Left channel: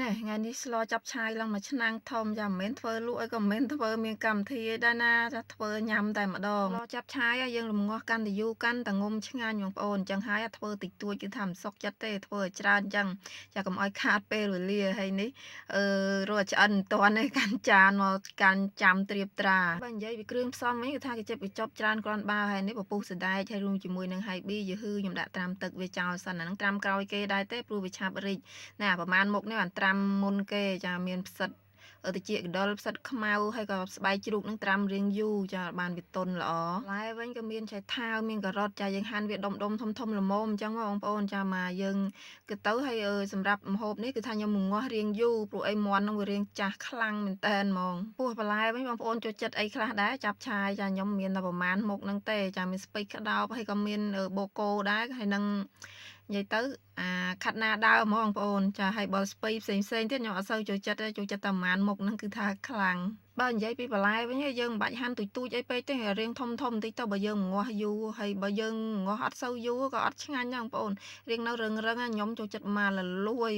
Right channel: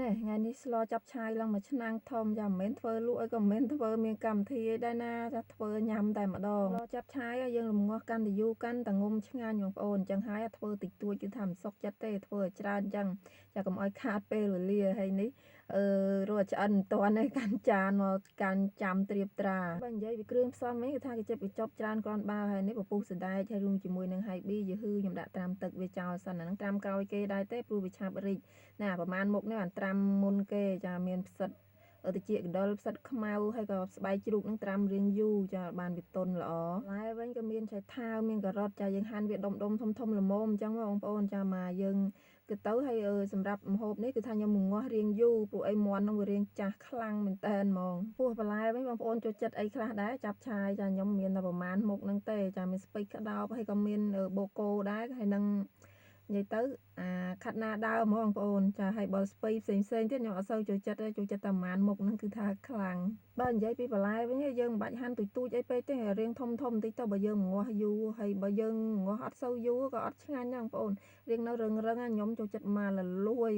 ណែថ្ងៃនេះស្លចាប់ឆាយឡើងមួយឆ្នាំងធំចាមិនមែនធ្វើលក់អីក៏មិនមែនធ្វើមានកម្មវិធីអីដែរណាចាធ្វើញ៉ាំតែម្ដងស្លចាប់ឆាយយើងរំងាស់កាន់តែយូរកាន់តែងុំឆ្ងាញ់បងប្អូនអញ្ចឹងហើយធ្វើតិចតួចគឺថាមិនសុខចិត្តទេធ្វើឲ្យច្រើនអញ្ចឹងចាកុំឲ្យខាតពេលវេលាហើយនេះរកឆ្អិនមិនទាន់ទេកាន់ចានមកកាន់ចាំត្រៀបត្រាបើនិយាយពីគ្រឿងផ្សំវិញគឺថាគេចិត្តបញ្ចប់ច្រើនគ្រាន់បើហើយនេះពពុះសណ្ដែកហើយរួមជាមួយនឹងហៃប៊ីយឺហ៊ឺខ្ញុំដាក់ត្រាំទឹកវាចោលសិនអាហ្នឹងត្រាំក្រោយគេដែរទេព្រោះវាឆាប់រីកណាប្រហែលមុខនេះបានត្រាំមុនគេចាមានផ្សិតតិចកដុលផ្សិតខ្មៅហើយក៏ស្បែកជ្រូកនឹងត្រាំរៀងយូរចាបានវាទន់ល្អបន្លែវិញក៏មានឆៃថាវមានការ៉ុតចាយើងហាន់វាដុំធំល្មមអញ្ចឹងបងប្អូនចាមកយើងគឺទៅហើយសម្រាប់ម្ហូបនេះគឺថាខ្ញុំងាស់រៀងយូរព្រោះអីមាន់នឹងវារៀងចាស់ខ្លាំងមែនតែនហ្មងពោះបន្លែវិញបងប្អូនចូលចិត្តអីខ្លះដែរចាប់ឆាយចាខ្ញុំមានតែប្រមាណមុខហ្នឹងទេចាមានស្ពៃក្តោបហើយក៏មានបូកគោដែរហើយនឹងនិយាយទៅខាត់ណាដើមហ្មងបងប្អូនចាហើយបើស្ពៃផ្សេងទៀតខ្ញុំអត់សូវចូលចិត្តទេចូលចិត្តតែប្រហែលមុខហ្នឹងគឺថាខ្លាំងបើនិយាយពីបន្លែវិញយើងមិនបាច់ហាន់ទូចអីពេកទេរៀងធំបន្តិចទៅបើយើងងាស់យូរហើយបើយើងងាស់អត់សូវយូរក៏អត់ឆ្ងាញ់ដែរបងប្អូនរៀងនៅរឹងខ្ញុំចូលចិត្តមកលលួយ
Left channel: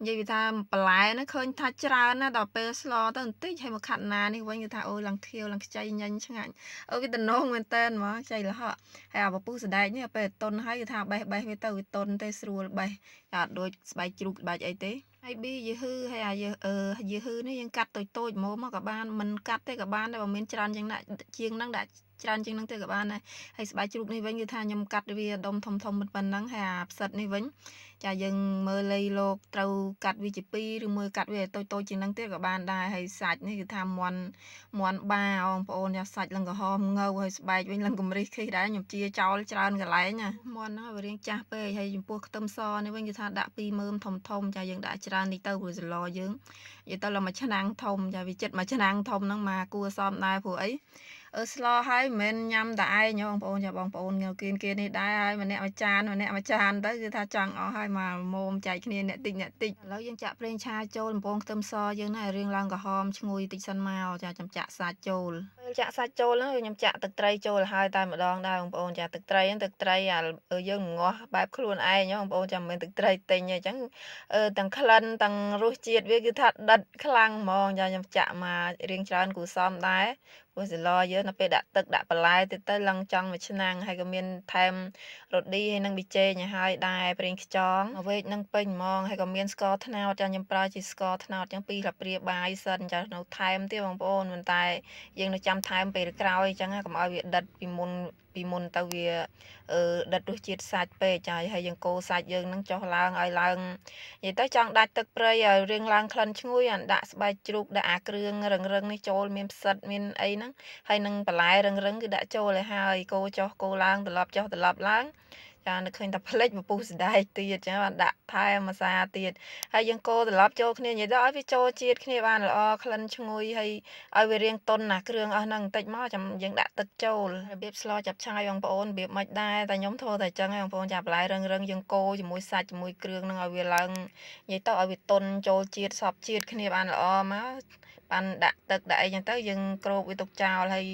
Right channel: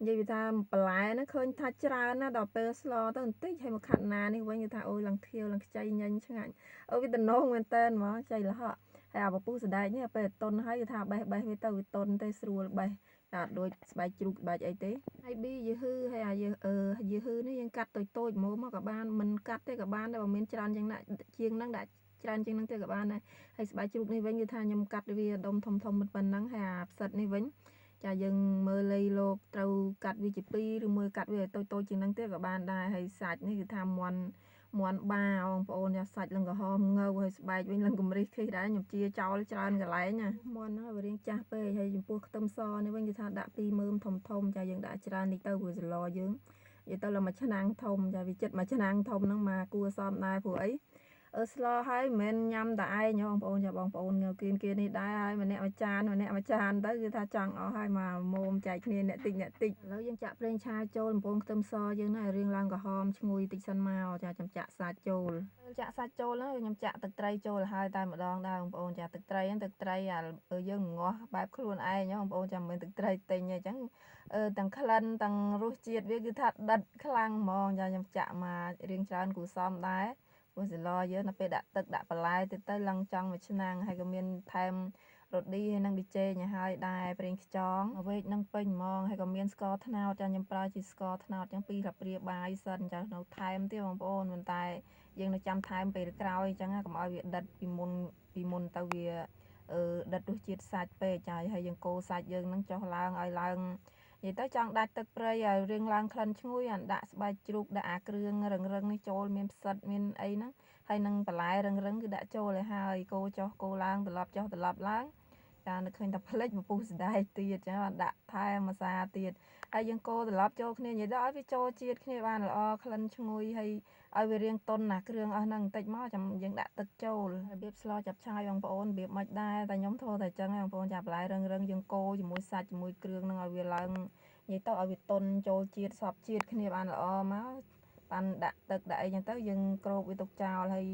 និយាយពីថាបន្លែហ្នឹងឃើញថាច្រើនណាស់ដល់ពេលស្លទៅបន្តិចហើយមកខាត់ណានេះវិញគឺថាអូយឡើងខៀវឡើងខ្ចីញញឆ្ងាញ់វាតំណងមែនតើហ្មងខ្ចីលហកហើយអាពពុះសណ្ដែកនេះពេលតុនហើយគឺថាបេះវាទៅវាតុនទេស្រួលបេះតែអត់ដូចស្បែកជ្រូកស្បែកអីទេហើយប៊ីយឺហ៊ឺហើយយឺហ៊ឺនេះយើងកាត់តូចមកក៏បានមិនកាត់ទេក៏បានដែរបើមានច្រើនជាងណាជាងហ្នឹងដាក់ច្រើនជាងហ្នឹងទៅក៏បានដែរហើយស្បែកជ្រូកនេះវិញគឺថាខ្ញុំកាត់វាដុំធំប៉ុណ្ណឹងហើយអាផ្សិតនេះវិញចាយើងមើលលៃលោកត្រូវកាត់វាជា2ឬមួយកាត់វាតូចជាងហ្នឹងទៀតក៏បានដែរហើយសាច់នេះគឺថាមាន់បាបងប្អូនចាសាច់ឡើងក្រហមងៅហើយស្បែកវិញឡើងកម្រិះខិះដែរខ្ញុំជាចោលច្រើនកន្លែងណាមាន់ហ្នឹងវារាងចាស់ពេកហើយចំពោះខ្ទឹមសនេះវិញគឺថាដាក់2មើមធំចាយើងដាក់ច្រើនតិចទៅព្រោះសឡយើងនិយាយទៅឡើងមួយឆ្នាំងធំចាវាចិត្តមួយឆ្នាំងធំហ្នឹងមកគួរសមដែរព្រោះអីស្លហើយមិនមែនញ៉ាំតែឯងបងប្អូនចាបងប្អូនគេនេះដែរហើយម្នាក់មួយចានទៅគឺថាចង់អស់ហើយមកមុំចែកគ្នាអ្នកតិចឥឡូវយើងចាក់ប្រេងឆាចូលបំពងខ្ទឹមសយើងណារៀងឡើងក្រហមឈ្ងុយតិចសិនមកចាចាំចាក់សាច់ចូលពេលចាក់សាច់ចូលហ្នឹងខ្ញុំចាក់ទឹកត្រីចូលហើយតែម្ដងដែរបងប្អូនចាទឹកត្រីយើងងាស់បែបខ្លួនឯងបងប្អូនចាមិនមែនទឹកត្រីទិញទេអញ្ចឹងទាំងក្លិនទាំងរសជាតិវាគឺថាដិតខ្លាំងហ្មងចាខ្ញុំចាក់មករៀងច្រើនគួរសមដែរព្រោះសឡយើងនៅពេលដាក់ទឹកដាក់បន្លែទៅឡើងចង់មួយឆ្នាំងហើយក៏មានថែមរ៉ូឌីហើយនឹងប៊ីចេងឲ្យហើយដែរប្រេងខ្យងមកវែកនឹងពេញហ្មងហើយក៏មានស្ករត្នោតចាខ្ញុំប្រើជាស្ករត្នោតចឹង2ស្លាបព្រាបាយសិនចានៅថែមទៀតបងប្អូនប៉ុន្តែយើងនៅចាំថែមពេលក្រោយអញ្ចឹងកុំឲ្យវាដិតពីមុនទៅវាដិតរសជាតិសាច់ពេកចាហើយយើងកូរសាច់យើងនឹងចុះឡើងឲ្យឡើងនិយាយទៅចង់ដាច់ទឹកព្រៃឲ្យរៀងឡើងក្លិនឈ្ងុយអានដាក់ស្បែកជ្រូកដាក់អាគ្រឿងរឹងនេះចូលមានផ្សិតមានអីហ្នឹងហើយនឹងបន្លែរឹងគឺដាក់ចូលឲ្យហើយកូរចុះកូរឡើងត្រឡប់ចុះត្រឡប់ឡើងចានឹកឃើញតែផ្លេចពពុះសណ្ដែកទៀតចាបានដាក់ថែមម្សាទៀតហើយយើងកូរត្រឡប់ចូលគ្នានិយាយទៅឲ្យវាចូលជាតិគ្នាបានល្អក្លិនឈ្ងុយហើយឲ្យវារៀងតុនណាគ្រឿងអស់ហ្នឹងបន្តិចមកចាំយើងដាក់ទឹកចូលរបៀបស្លចាប់ឆាយបងប្អូនរបៀបមិនដែរតែខ្ញុំធ្វើតែអញ្ចឹងបងប្អូនចាបន្លែរឹងយើងកូរជាមួយសាច់ជាមួយគ្រឿងហ្នឹងឲ្យវាឡើងនិយាយទៅឲ្យវាតុនចូលជាតិសព្វជាតិគ្នាបានល្អមកបានដាក់ទឹកដាក់អីចឹងទៅយើងគ្របវាទុកចោលហើយ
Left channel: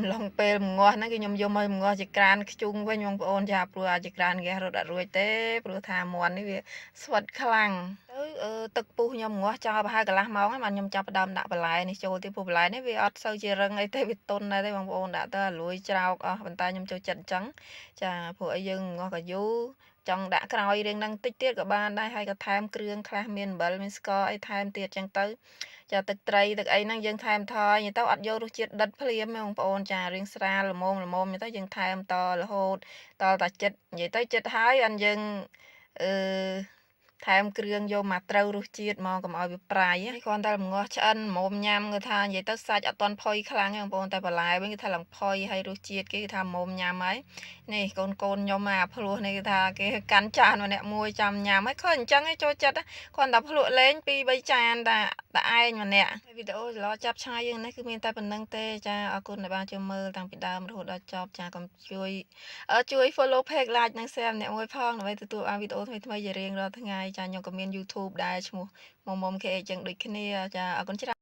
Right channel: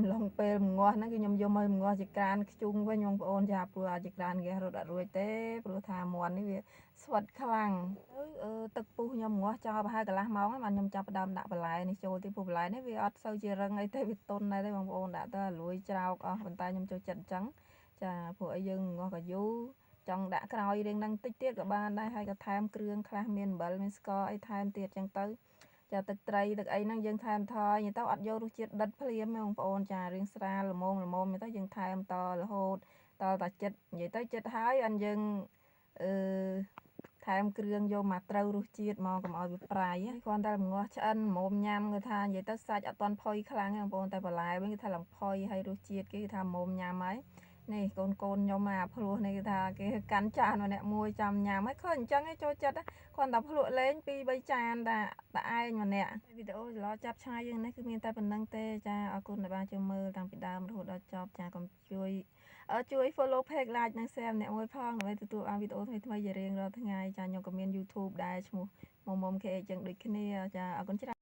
ម្លងពេលម្ងាស់ហ្នឹងគឺខ្ញុំយកមកម្ងាស់ជាក្រានខ្ជុងវិញបងប្អូនចាព្រោះអាចក្រានហ្គាសរត់អត់រួចទេព្រោះថាមាន់នេះវាស្វិតខ្លាំងទៅទឹកពុះខ្ញុំម្ងាស់ចោលប្រហែលកន្លះម៉ោងហើយបានខ្ញុំចាប់ផ្ដើមដាក់បន្លែនេះចូលទៀតព្រោះបន្លែនេះវាអត់សូវជារឹងអីទេវាទន់ដែរទេបងប្អូនដាក់ទៅលួយច្រោកអស់ប៉ុន្តែខ្ញុំចូលចិត្តអញ្ចឹងចាព្រោះអីយើងម្ងាស់ក៏យូរចង់ដាក់ក្រោយរៀងនឹងតិចទៀតក៏បានដែរហើយក៏ថែមគ្រឿងខ្លះមានអំបិលមានស្ករអីថែមទៀតអញ្ចឹងទៅចាទឹកត្រីទឹកអីហ្នឹងយើងថែមថយទៅអត់យករសជាតិដិតភ្លាមទេបងប្អូនចារៀងស្រាលល្មមទៅយើងថែមតរហូតតតែចិត្តនិយាយទៅចិត្តហើយអានយើងអឺថែមគ្រឿងយកមកត្រូវរសជាតិមកកុំឲ្យវាប្រៃហើយគ្រាន់តែម្ងាស់ឆ្អិនមុំញ៉ាំគឺថានិយាយទៅសាច់អត់ទាន់ផុយខ្លាំងទេបងប្អូនតែបន្លែវិញគឺថាឡើងផុយហើយរសជាតិគេគឺថាមុំញ៉ាំហើយនេះកូនខ្ញុំអាភ្លោះនេះគឺថាគេកាន់ចានម្នាក់មួយចាំញ៉ាំហើយឃើញអញ្ចឹងឯងចូលចិត្តគ្រាន់តែភ្លក់លេង2 3ចានតែឯងម្នាក់វីដេអូសឡចាប់ឆាយយើងនេះគឺមានតែប៉ុណ្្នឹងទេចាអរគុណដែលបានចូលមើលតាំងពីដើមរហូតដល់ចប់ចាកុំជួយ follow page like និង share ម្នាក់មួយផងដើម្បីទទួលបានវីដេអូថ្មីៗជារៀងរាល់ថ្ងៃចាខ្ញុំក៏មាន YouTube ដែរឈ្មោះមុំ KH ចឹងដូចគ្នាចាអរគុណច្រើន